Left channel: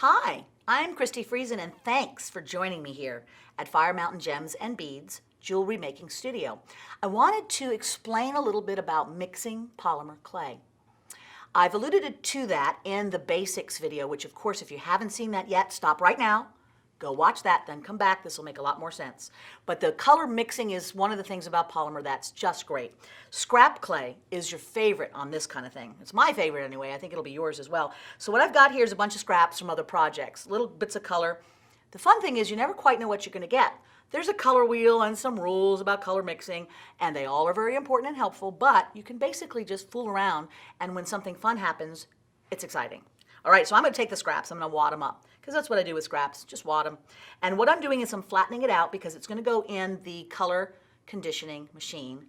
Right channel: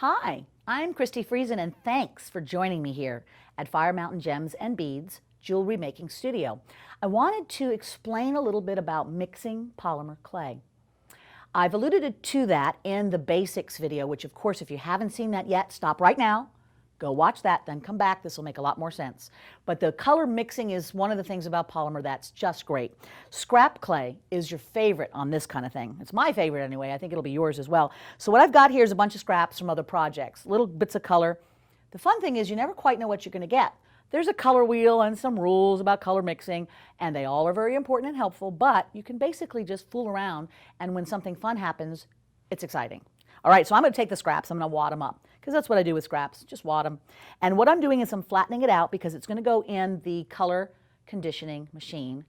Hi, I'm Christi Friesen, and thanks for joining me here at Fire Mountain Gems and Beads Jewelry Making Studio. I wanted to explain a little bit about mixing polymer clay. I've alluded to that in the basics video, which of course, if you haven't seen that yet, stop right now, go watch that, then come back. This will make a lot more sense. But the color mixing is one of the things about polymer that's just great. Scrap clay is your favorite on this kind of thing. It's my favorite anyway. I think it'll be yours as well. So what I've got here is a bunch of scraps from other projects, little bits of color. The fun thing is you never quite know what you're going to get. There's a color wheel and some rules about color mixing, and they all are very important and helpful, but you can basically just fool around, and when something fun happens, it's exciting. All right, so I'm going to take the scraps. I'm going to wad them up, because that's what I do with scraps, just wad them. And what I'm doing is I'm flattening it out because it's going to go in the color conditioning machine,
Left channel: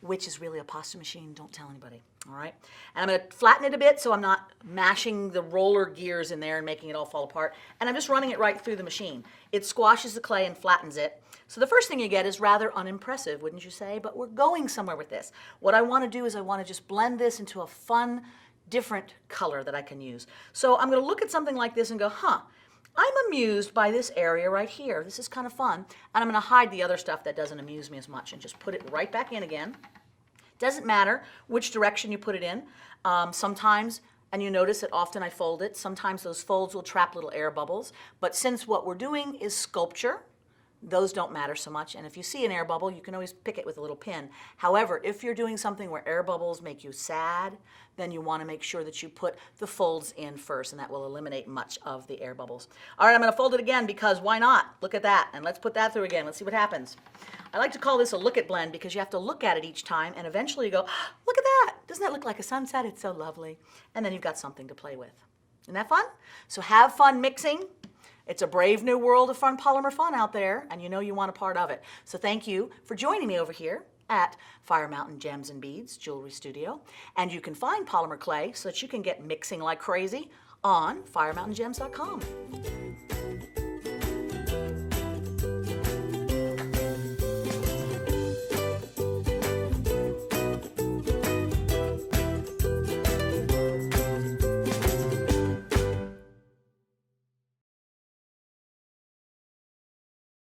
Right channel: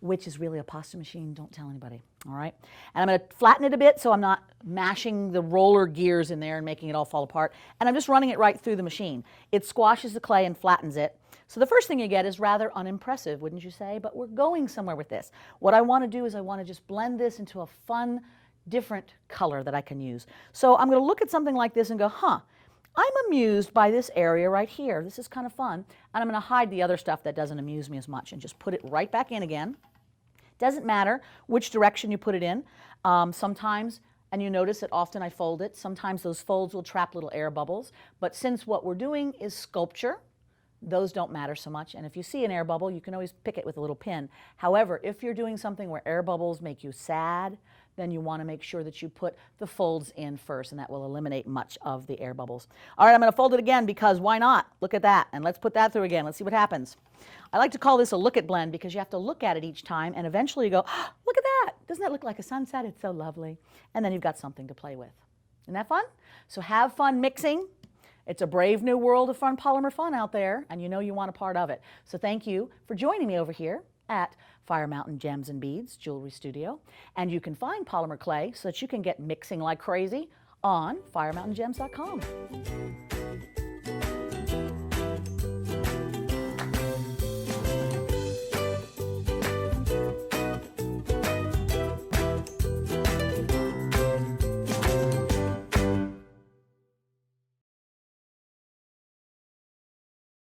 which is really a pasta machine. Don't tell anybody, all right? And I'm going to flatten it a bit so I'm not mashing the roller gears in there and making it all fall apart. And I'm just running it right through the machine. It squashes the clay and flattens it. So the first thing you get is rather unimpressive, wouldn't you say? But we're going somewhere with this. What I want to do is I want to just blend this into a fun, different color that I can use. So I'm going to look at something like this and go, huh, I'm amused by this area right here. This is kind of fun. And I'm going to hide the other stuff that doesn't amuse me as much and just put it right back in again. Doesn't matter which direction you put it in. Sometimes, and you notice that often I fold it, sometimes those folds will trap little air bubbles. But since what we're doing is sculpture, those don't matter so much. And if you see an air bubble, you can always pick it with a little pin. However, if you're doing something where air bubbles make you sad, then you want to make sure that you put the folds in first, and that will eliminate much of the air bubbles. All right, I'm going to fold it again because why not? Look at that. And let's put that through again. Let's see what happens. I like to call this a look at blend because you have to look at it each time, and eventually you go, oh, look at that. Doesn't that look like a sunset? It's so lovely. And then you've got something to play with. Isn't that fun? So have fun mixing. It's a brave new world of fun polymer fun out there, and you know you want a part of it. So thank you for joining me over here at Fire Mountain Gems and Beads Jewelry Studio. And you can find polymer clay so that you can get mixing like crazy on firemountaingems.com.